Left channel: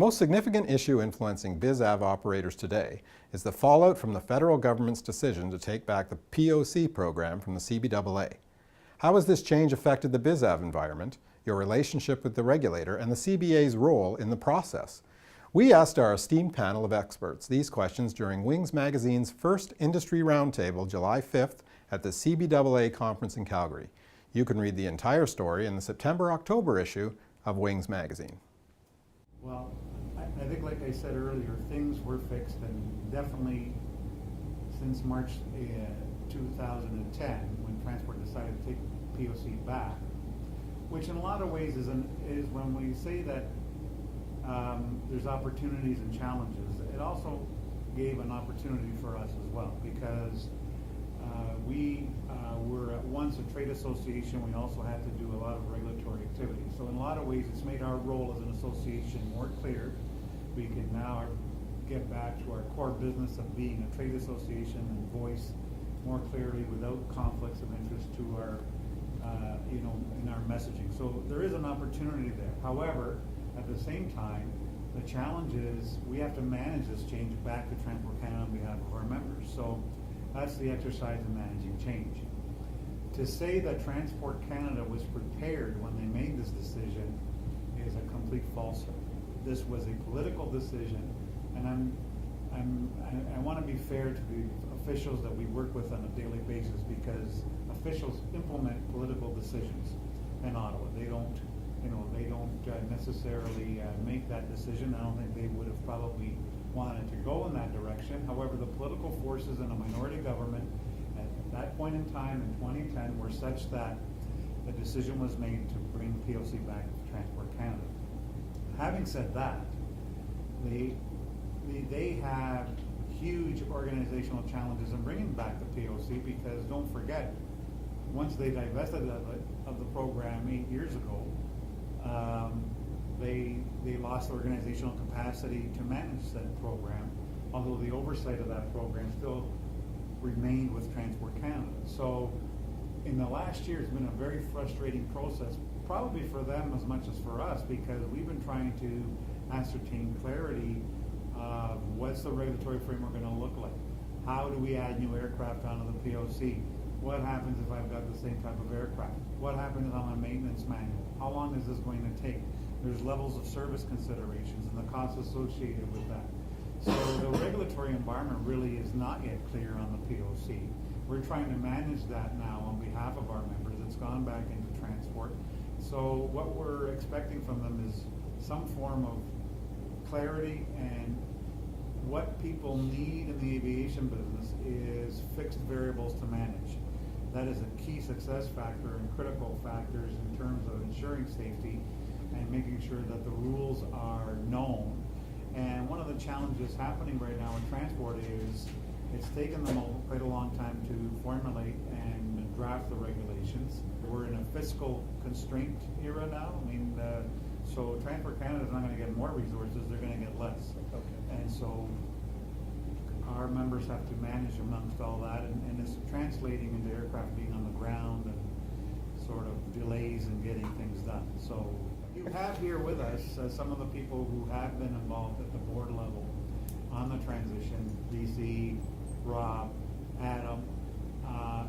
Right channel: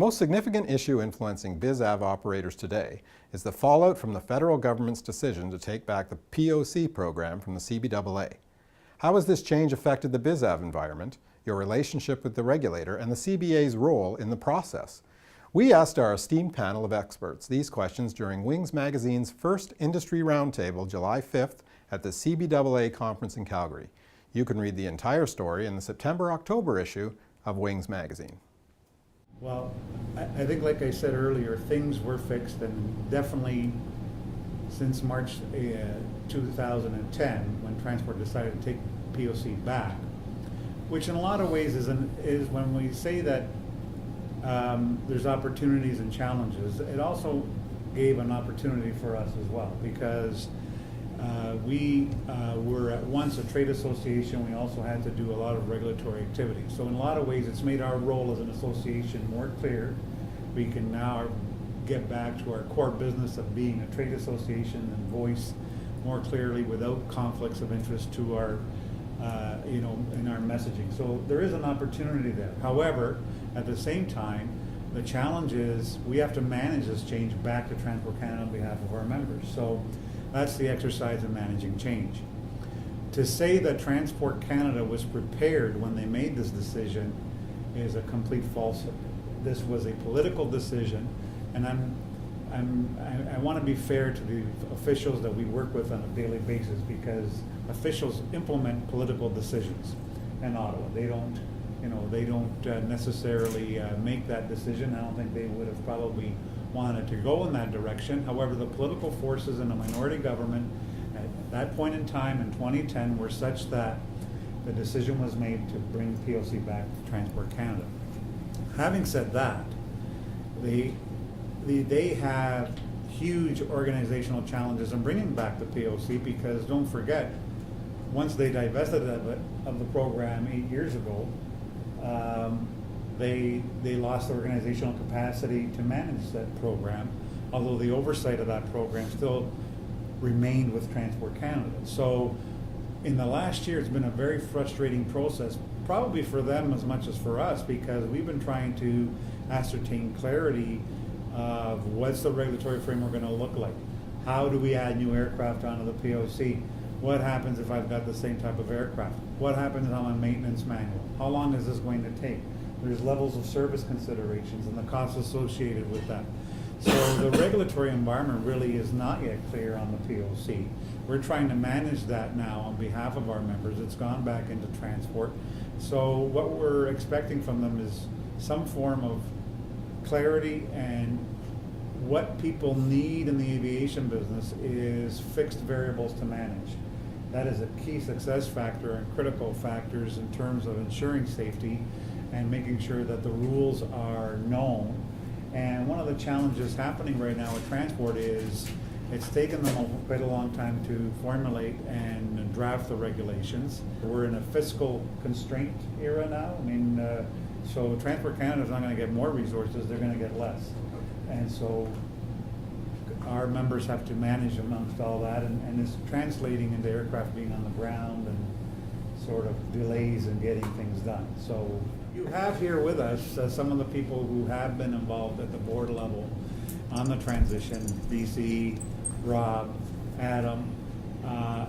most significant issue influencing BizAv operators today is the fallout from the federal government's decision to take back the POC program from the CBAA. How has this change affected the BizAv environment, your relationship with the regulator, and the CBA's role in the process? We asked our esteemed panel of experts these questions during Wings Magazine's first industry roundtable, July 5th, at the CBAA conference in Calgary. You can read the entire story in the September-October issue of Wings Magazine. Well, I think, like I said earlier, things were fixed, and definitely since March 2010, when Transport decided to take POC back, which in a lot of ways is when we say that there's opportunities and challenges, it also gave an opportunity for us as well, because we were at once a trade association. We also had to do a lot of regulatory activity. So in a lot of ways, it's made our role as an association more clear. We can now get back to our core business of being a trade association and voice more clearly without conflicts of interest to our, in our messaging. So there is an opportunity there. However, at the same time, the challenge is we have to manage this change back to Transport Canada on behalf of our members. So that's the exercise in managing change. To say that Transport Canada was prepared when they made this decision is a complete falsehood. This was a political decision, and I want to be fair to the officials that we work with on a daily basis, because officials implement political decisions in Ottawa. They don't necessarily make that decision. I don't think they would have probably wanted to go in that direction. However, the political forces in a minority government at that point in time in 2010 were such that the decision was made to bring POC back to Transport Canada. Having said that, they have huge organizational challenges in bringing back the POC, because don't forget, once they divested of the program 8 years ago, they lost organizational capacity to manage that program, although the oversight of that program still remained with Transport Canada. So in the last year, it's been a very frustrating process, probably for them as much as for us, because we've been trying to ascertain clarity of what's the regulatory framework going to look like. How do we add new aircraft onto the POC? What happens if I've got the same type of aircraft? What happens on my maintenance manual? How long is this going to take? There's levels of service considerations and the costs associated with that. So the regulatory environment really is not yet clear on the POC. We're trying to manage that now on behalf of our members. It's gone back into transport. So what we're expecting from them is some form of clarity, and what people need in the aviation business is fixed variables to manage. That is a key success factor and critical factors in terms of ensuring safety and making sure that the rules are known. And one of the challenges happening right now with transport is it's taken them quite a long time to formulate and draft the regulations. We're in a fiscal constraint era now. I mean, so Transport Canada is not going to get more resources, they're going to get less. And so our members have to manage amongst all that, and it's translating into aircraft being on the ground and sort of delays in getting things done. So you have here with us some of the people who have been involved at the board level on the transition. BC, Rob, Adam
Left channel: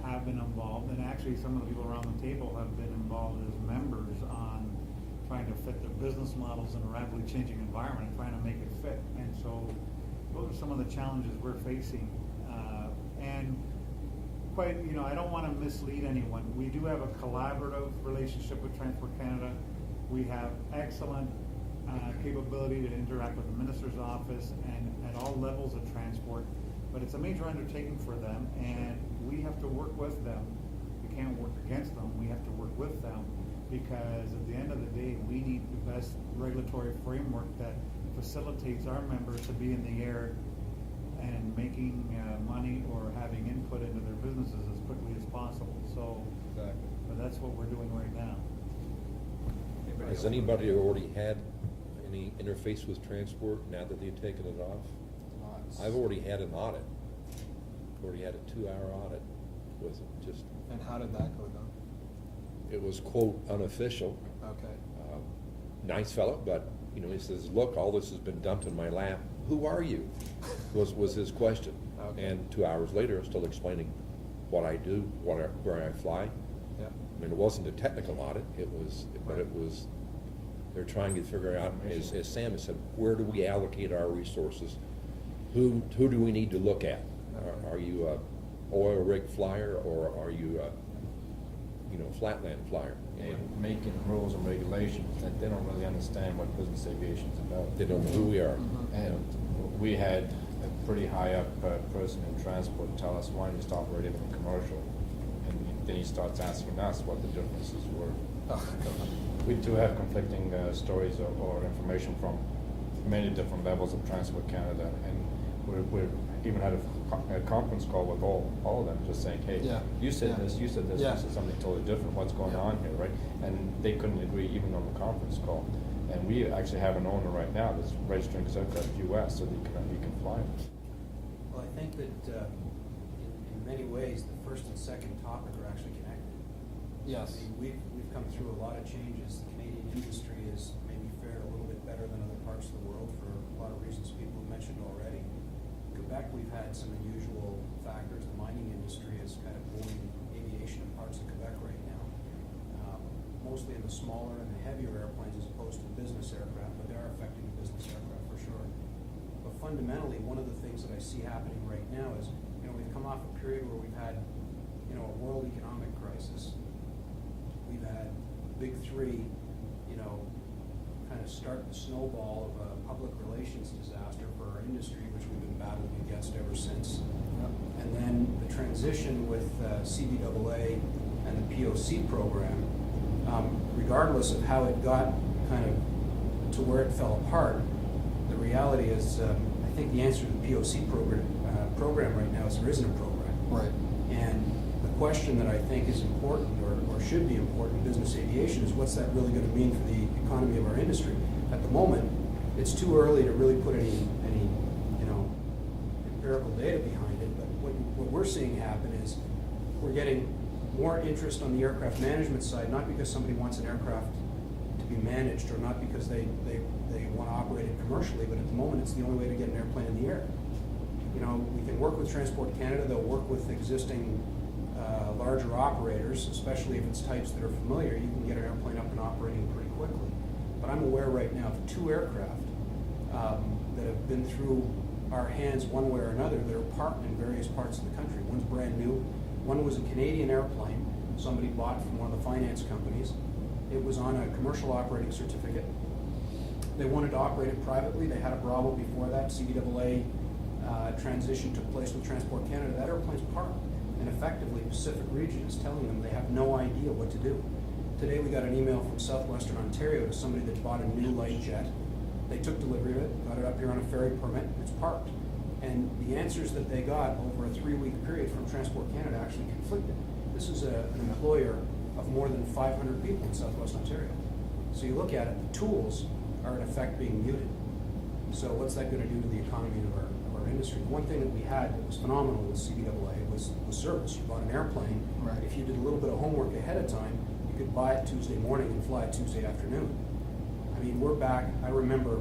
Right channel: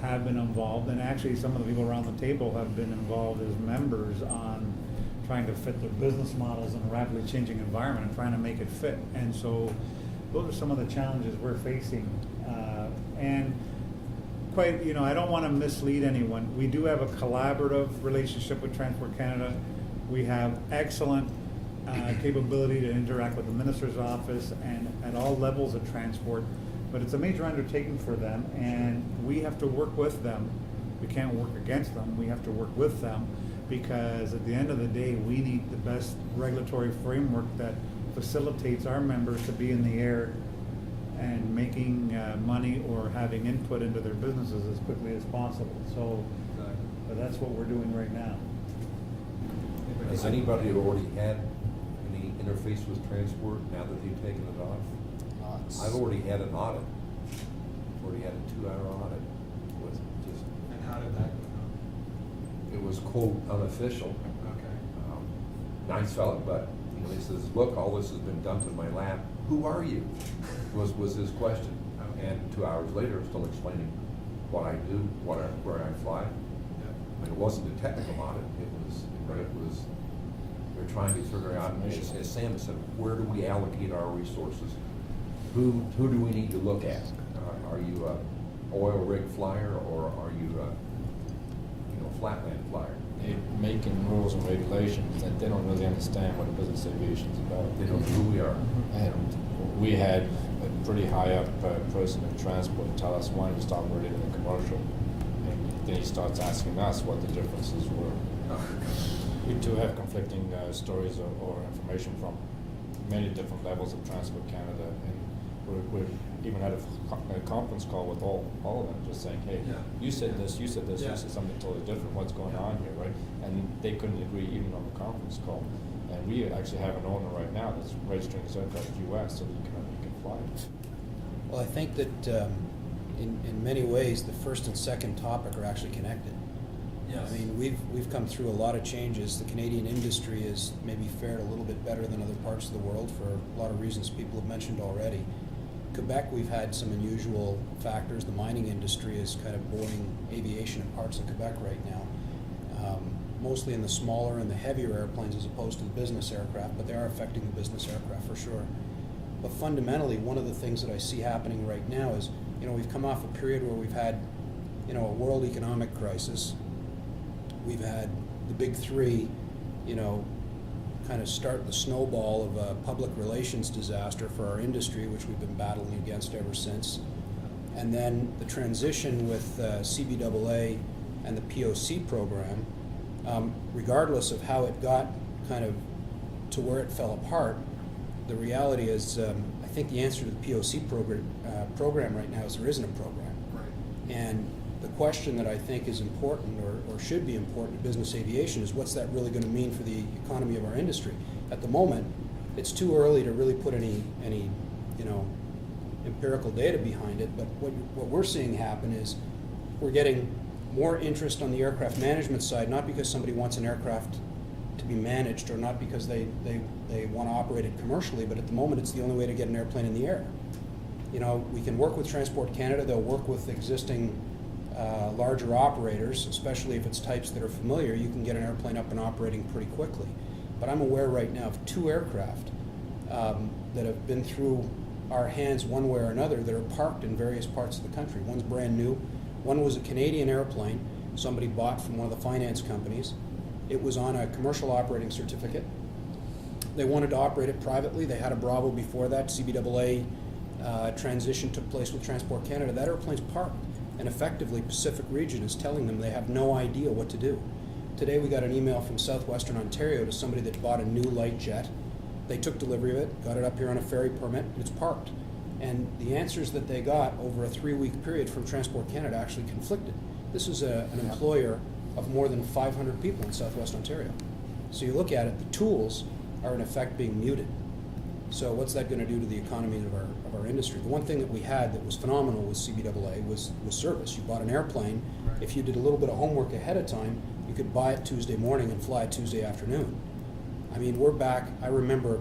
have been involved, and actually some of the people around the table have been involved as members on trying to fit their business models in a rapidly changing environment and trying to make it fit. And so those are some of the challenges we're facing. And quite, I don't want to mislead anyone. We do have a collaborative relationship with Transport Canada. We have excellent capability to interact with the Minister's office and at all levels of transport, but it's a major undertaking for them, and we have to work with them. We can't work against them. We have to work with them, because at the end of the day, we need the best regulatory framework that facilitates our members to be in the air and making money or having input into their businesses as quickly as possible. So that's what we're doing right now. Has anybody already had any interface with transport now that they've taken it off? I've already had an audit. Already had a 2-hour audit with just. And how did that go down? It was quote unofficial. Okay. Nice fella, but You know, he says, look, all this has been dumped in my lap. Who are you? Was his question. And 2 hours later, I'm still explaining what I do, where I fly. I mean, it wasn't a technical audit. They're trying to figure out, as Sam said, where do we allocate our resources? Who do we need to look at? Are you a oil rig flyer, or are you a flatland flyer? They're making rules and regulations that they don't really understand what business aviation is about. They don't know who we are. And we had a pretty high up person in transport tell us why we stopped operating in the commercial. And then he starts asking us what the differences were. We too have conflicting stories or information from many different levels of Transport Canada, and we're even had a conference call with all of them, just saying, hey, you said this, you said something totally different. What's going on here, right? And they couldn't agree even on the conference call. And we actually have an owner right now that's registering his aircraft U.S. so that we can fly it. Well, I think that in many ways, the first and second topic are actually connected. Yes. I mean, we've come through a lot of changes. The Canadian industry has maybe fared a little bit better than other parts of the world for a lot of reasons people have mentioned already. Quebec, we've had some unusual factors. The mining industry is kind of boarding aviation in parts of Quebec right now, mostly in the smaller and the heavier airplanes as opposed to the business aircraft, but they are affecting the business aircraft for sure. But fundamentally, one of the things that I see happening right now is, we've come off a period where we've had, a world economic crisis. We've had the big three, kind of start the snowball of a public relations disaster for our industry, which we've been battling against ever since. And then the transition with CBAA and the POC program, regardless of how it got kind of to where it fell apart, the reality is, I think the answer to the POC program right now is there isn't a program. Right. And the question that I think is important, or should be important in business aviation, is what's that really going to mean for the economy of our industry? At the moment, it's too early to really put any empirical data behind it, but what we're seeing happen is we're getting more interest on the aircraft management side, not because somebody wants an aircraft to be managed or not because they want to operate it commercially, but at the moment it's the only way to get an airplane in the air. We can work with Transport Canada, they'll work with existing larger operators, especially if it's types that are familiar. You can get an airplane up and operating pretty quickly. But I'm aware right now of 2 aircraft that have been through our hands one way or another that are parked in various parts of the country. One's brand new. One was a Canadian airplane somebody bought from one of the finance companies. It was on a commercial operating certificate. They wanted to operate it privately. They had a Bravo before that. CBAA transition took place with Transport Canada. That airplane's parked. And effectively, Pacific Region is telling them they have no idea what to do. Today we got an email from Southwestern Ontario to somebody that bought a new light jet. They took delivery of it, got it up here on a ferry permit, it's parked. And the answers that they got over a 3-week period from Transport Canada actually conflicted. This is an employer of more than 500 people in Southwest Ontario. So you look at it, the tools are in effect being muted. So what's that going to do to the economy of our industry? The one thing that we had that was phenomenal with CBAA was service. You bought an airplane. Right. If you did a little bit of homework ahead of time, you could buy it Tuesday morning and fly it Tuesday afternoon. I mean, we're back. I remember,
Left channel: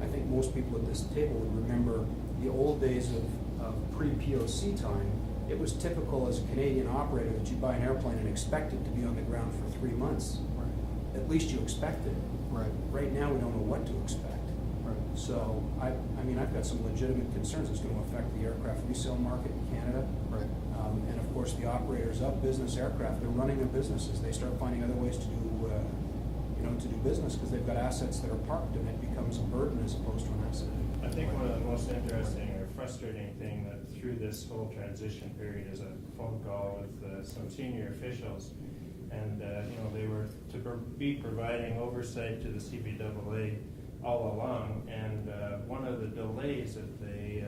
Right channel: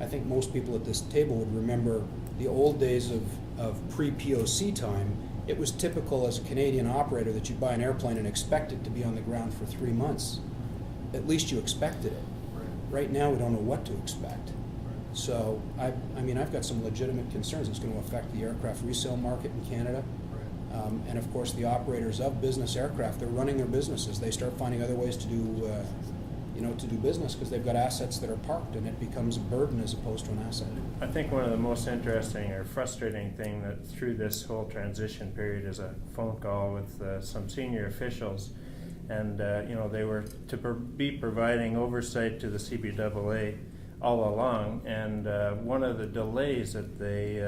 I think most people at this table would remember the old days of pre-POC time. It was typical as a Canadian operator that you buy an airplane and expect it to be on the ground for 3 months. Right. At least you expected it. Right. Right now, we don't know what to expect. Right. So, I mean, I've got some legitimate concerns. It's going to affect the aircraft resale market in Canada. Right. And of course, the operators of business aircraft, they're running their businesses. They start finding other ways to do business because they've got assets that are parked, and it becomes a burden as opposed to an asset. I think one of the most interesting or frustrating thing that through this whole transition period is a phone call with some senior officials, and they were to be providing oversight to the CBAA all along, and one of the delays that they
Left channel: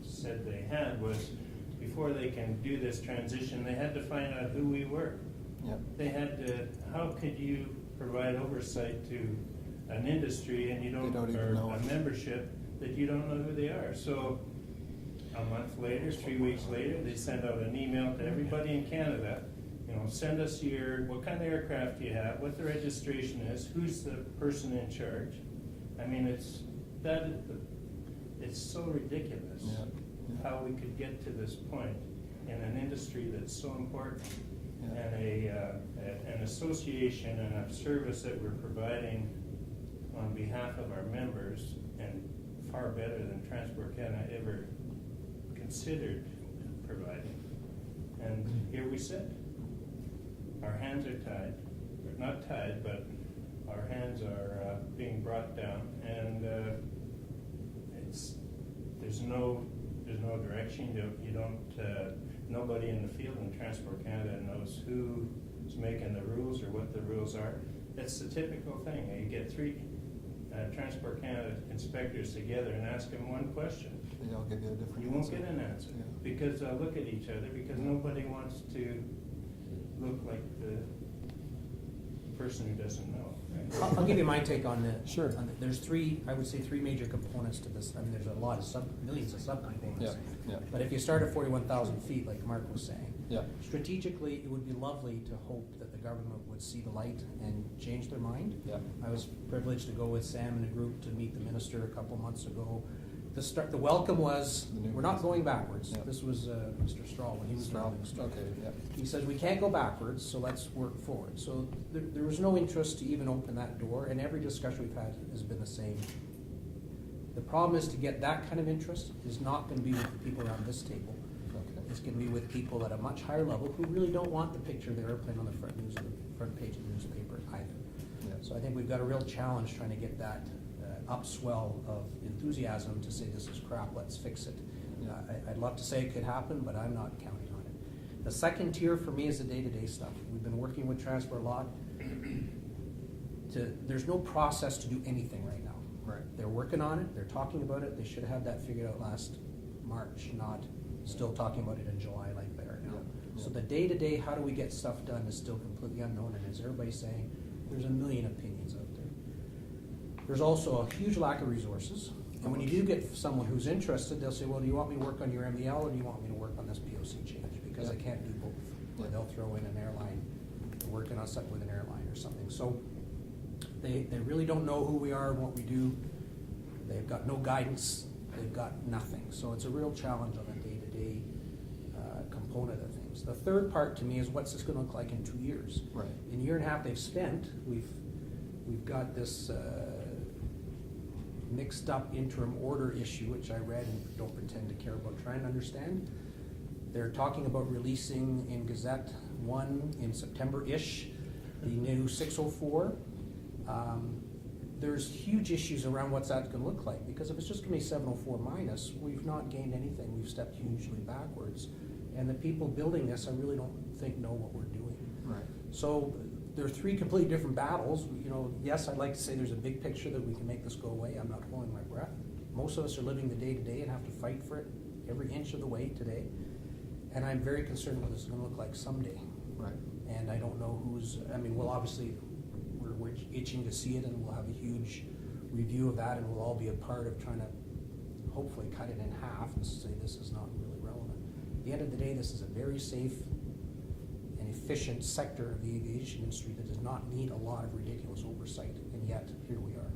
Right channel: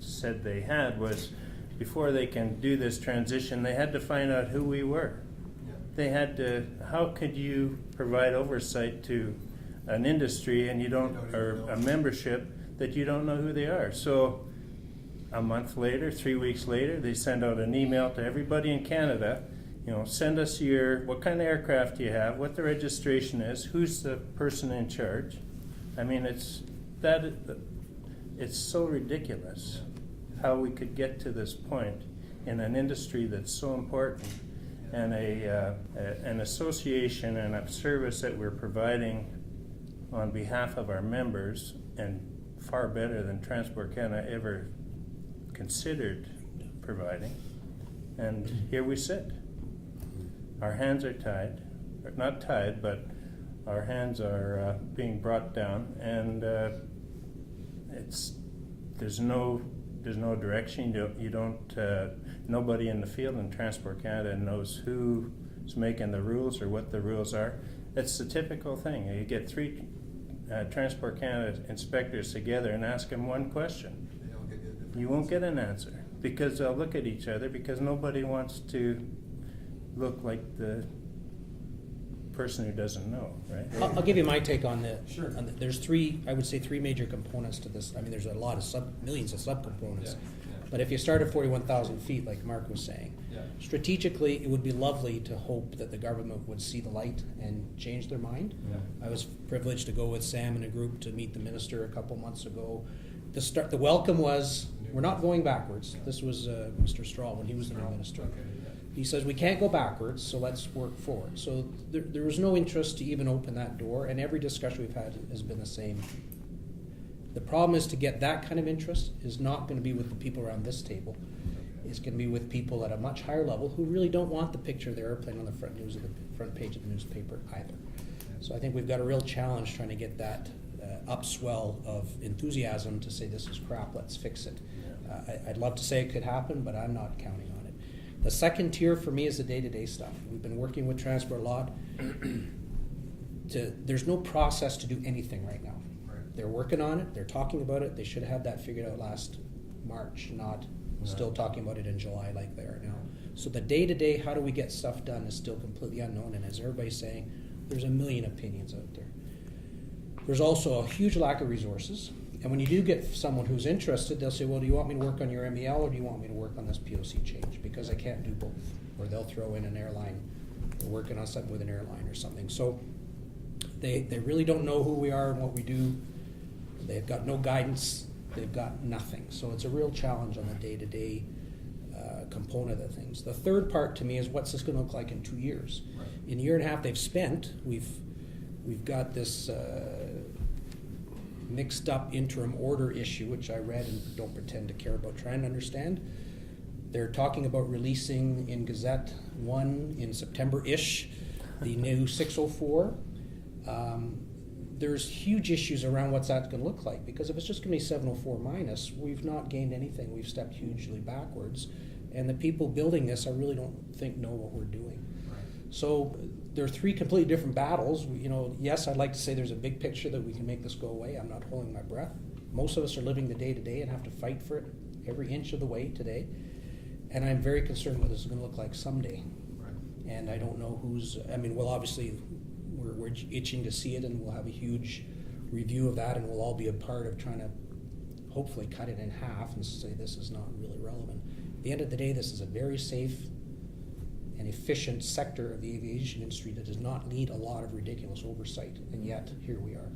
said they had was before they can do this transition, they had to find out who we were. Yeah. They had to, how could you provide oversight to an industry and you don't or know. a membership that you don't know who they are? So a month later, 3 weeks later, they send out an email to everybody in Canada, send us what kind of aircraft you have, what the registration is, who's the person in charge. I mean, it's so ridiculous how we could get to this point in an industry that's so important, and an association and a service that we're providing on behalf of our members, and far better than Transport Canada ever considered providing. And here we sit. Our hands are tied, or not tied, but our hands are being brought down, and there's no direction. You don't. Nobody in the field in Transport Canada knows who's making the rules or what the rules are. It's the typical thing. You get 3 Transport Canada inspectors together and ask them one question. You won't get an answer, because they'll look at each other, because nobody wants to look like the person who doesn't know, right? I'll give you my take on the. Sure. There's 3, I would say 3 major components to this. I mean, there's a lot of millions of subcomponents. Yeah. But if you start at 41,000 feet, like Mark was saying, Yeah. strategically, it would be lovely to hope that the government would see the light and change their mind. Yeah. I was privileged to go with Sam and a group to meet the minister a couple months ago. The welcome was, we're not going backwards. Yeah. This was Mr. Strahl when he was the minister. Okay. Yeah. He says, we can't go backwards, so let's work forward. So there was no interest to even open that door, and every discussion we've had has been the same. The problem is, to get that kind of interest is not going to be with the people around this table. It's going to be with people at a much higher level who really don't want the picture of the airplane on the front page of the newspaper either. So I think we've got a real challenge trying to get that upswell of enthusiasm to say, this is crap, let's fix it. I'd love to say it could happen, but I'm not counting on it. The second tier for me is the day-to-day stuff. We've been working with Transport a lot. There's no process to do anything right now. Right. They're working on it, they're talking about it. They should have had that figured out last March, not still talking about it in July like they are now. So the day-to-day, how do we get stuff done, is still completely unknown, and as everybody's saying, there's a million opinions out there. There's also a huge lack of resources, and when you do get someone who's interested, they'll say, well, do you want me to work on your MEL, or do you want me to work on this POC change? Because I can't do both. Or they'll throw in an airline, they're working on something with an airline or something. So they really don't know who we are and what we do. They've got no guidance, they've got nothing. So it's a real challenge on the day-to-day component of things. The third part to me is, what's this going to look like in 2 years? Right. In a year and a half they've spent, we've got this mixed up interim order issue, which I read and don't pretend to care about trying to understand. They're talking about releasing in Gazette 1 in September-ish the new 604. There's huge issues around what's that going to look like, because if it's just going to be 704 minus, we've not gained anything. We've stepped hugely backwards, and the people building this, I really don't think know what we're doing. Right. So there are 3 completely different battles. Yes, I'd like to say there's a big picture that we can make this go away. I'm not holding my breath. Most of us are living the day-to-day and have to fight for it every inch of the way today. And I'm very concerned what this is going to look like someday. Right. And I don't know well, obviously, we're itching to see it, and we'll have a huge review of that, and we'll all be a part of trying to hopefully cut it in half and say this is not really relevant. At the end of the day, this is a very safe and efficient sector of the aviation industry that does not need a lot of ridiculous oversight, and yet here we are.